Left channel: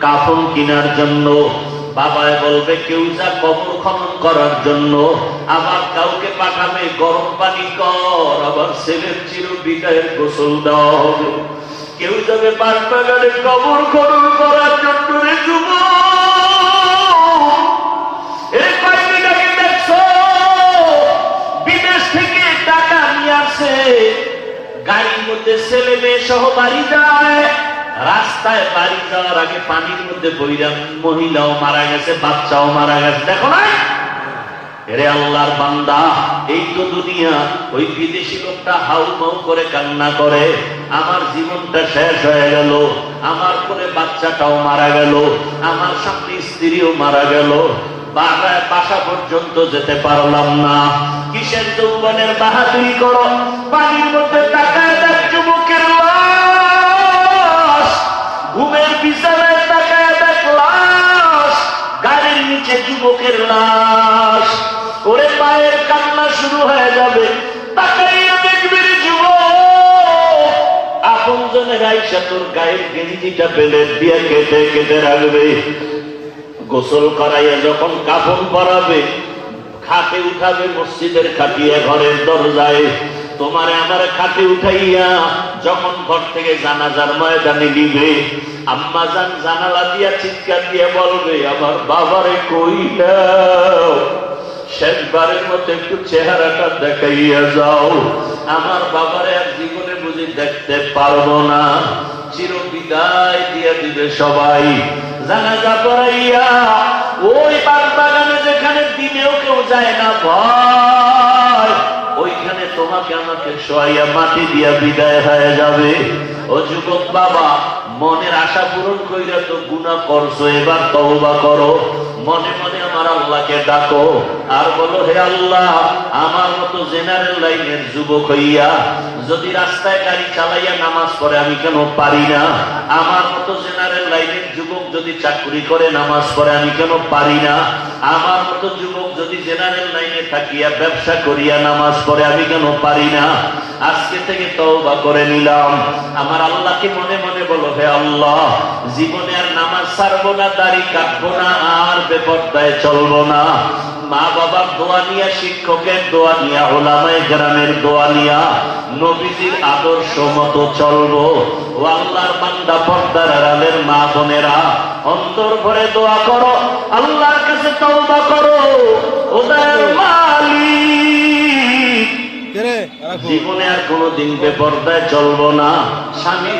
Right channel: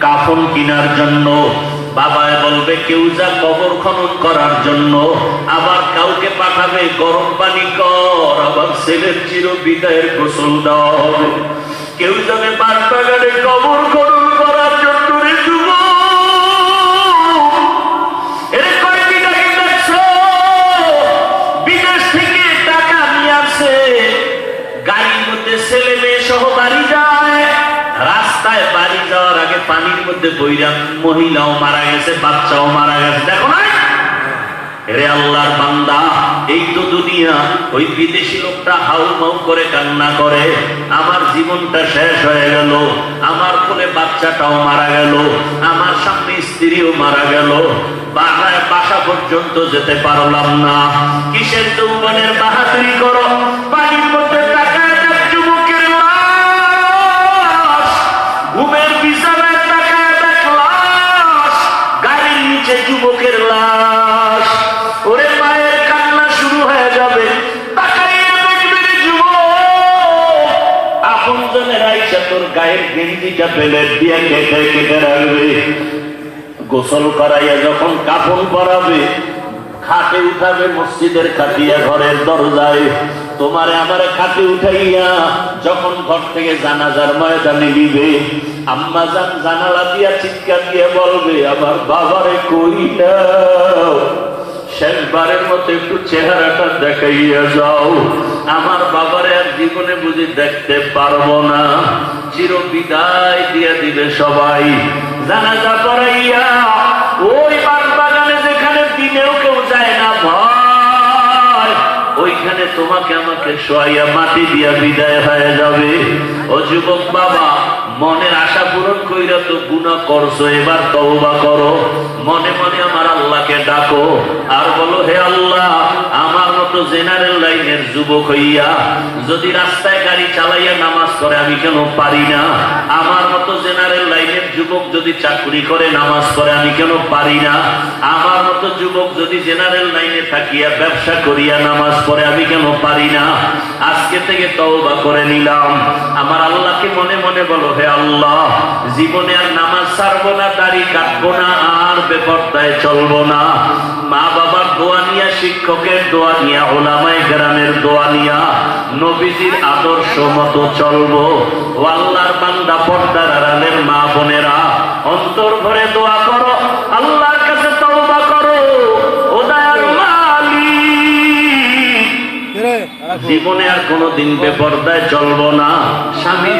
কাফন কেনার জন্য বাবায় বলবে, কেউ যা কবর খনন করার জন্য আবার কাউকে পাঠাবে গরম পানি কর। আবার ছেলের চির বিদায়ের গোসল দেওয়া হবে কেউ যাবে পার কবর খনন মধ্যে ছেলে মেয়ে সহ বাড়ি যায়, রাস্তায় বাড়ি যাওয়ার আগে পানির মধ্যে বইরা মহিলাও মারা গেছে, বাচ্চাও মারা গেছে। দেখো না? রে আল্লাহর বান্দা, এই তো দুনিয়া। ওই বিদেশি লোকটা হাউ মাউ করে কান্না করে, আমার জীবনটা শেষ হয়ে গেল, আমার কোলে বাচ্চাটাও মারা গেল, আমার সামনে স্ত্রীও মারা গেল। বাসায় বাসা পর্যন্ত যেতে পারলাম না। কিসের যৌবনের বাহাদুরি করো? আপন জনের আইসা তোর গায়ের গেঞ্জিটা পেলে দিয়ে কেটে কেটে রাখবে। গোসল করাইয়া যখন কাপড় পরাবে, খাটে উঠাবে মসজিদের ঘরের দরজায়। তোমার আমার খাটে উঠাইয়া যখন ঘর থেকে জানাজার ময়দানে নিবে, আম্মা জান জানালা দিয়া চিৎকার দিয়ে বলবে, আমার বাবারে কইয়া শেষবারের মতো একটু চেহারাটা দেখাইয়া যাও। আমার বাবারে জীবনে বুঝি দেখতে পারব না। চির বিদায় দিয়ে দিবে সবাই। জানাজা পড়াইয়া ওই যেখানে দিনেও কেউ যায় না ওইখানে তোমাকে আমাকে মাটি দিয়া বিদায় হয়ে যাবে। ও যুবক বাবা, মনের আশা পূরণ কইরা তো গুণা করছ, এবার তওবা করো। মনে মনে ডাকো। আর বলো, হে আল্লাহ, আমার মতো জেনারেল লাইনের যুবক হইয়া যদি রাস্তায় গাড়ি চালাইয়া নামাজ পড়ে, আমি কেন পারি না? আমার মতো জেনারেল লাইনের যুবক যদি চাকরি করে নামাজ পড়ে, আমি কেন পারি না? আমার মতো যুবক যদি জেনারেল লাইনে থাকিয়া ব্যবসা করিয়া নামাজ পড়ে, আমি কেন পারি না? আজকে থেকে তওবা করে নিলাম। আমার আল্লাহকে মনে মনে বলো, হে আল্লাহ, জীবনে আর নামাজ ছাড়বো না, দাড়ি কাটবো না, আর বেপরদায় চলবো না। মা বাবার দোয়া নিয়া, শিক্ষকের দোয়া নিয়া ওলামাই গ্রামের দোয়া নিয়া, নবীজির আদর্শ মতো চলবো। ও আল্লাহর বান্দা, পর্দার আড়ালের মা বোনেরা অন্তর ভরে দোয়া জীবনে আর কোনোদিন বেপর্দায় চলবো না। স্বামী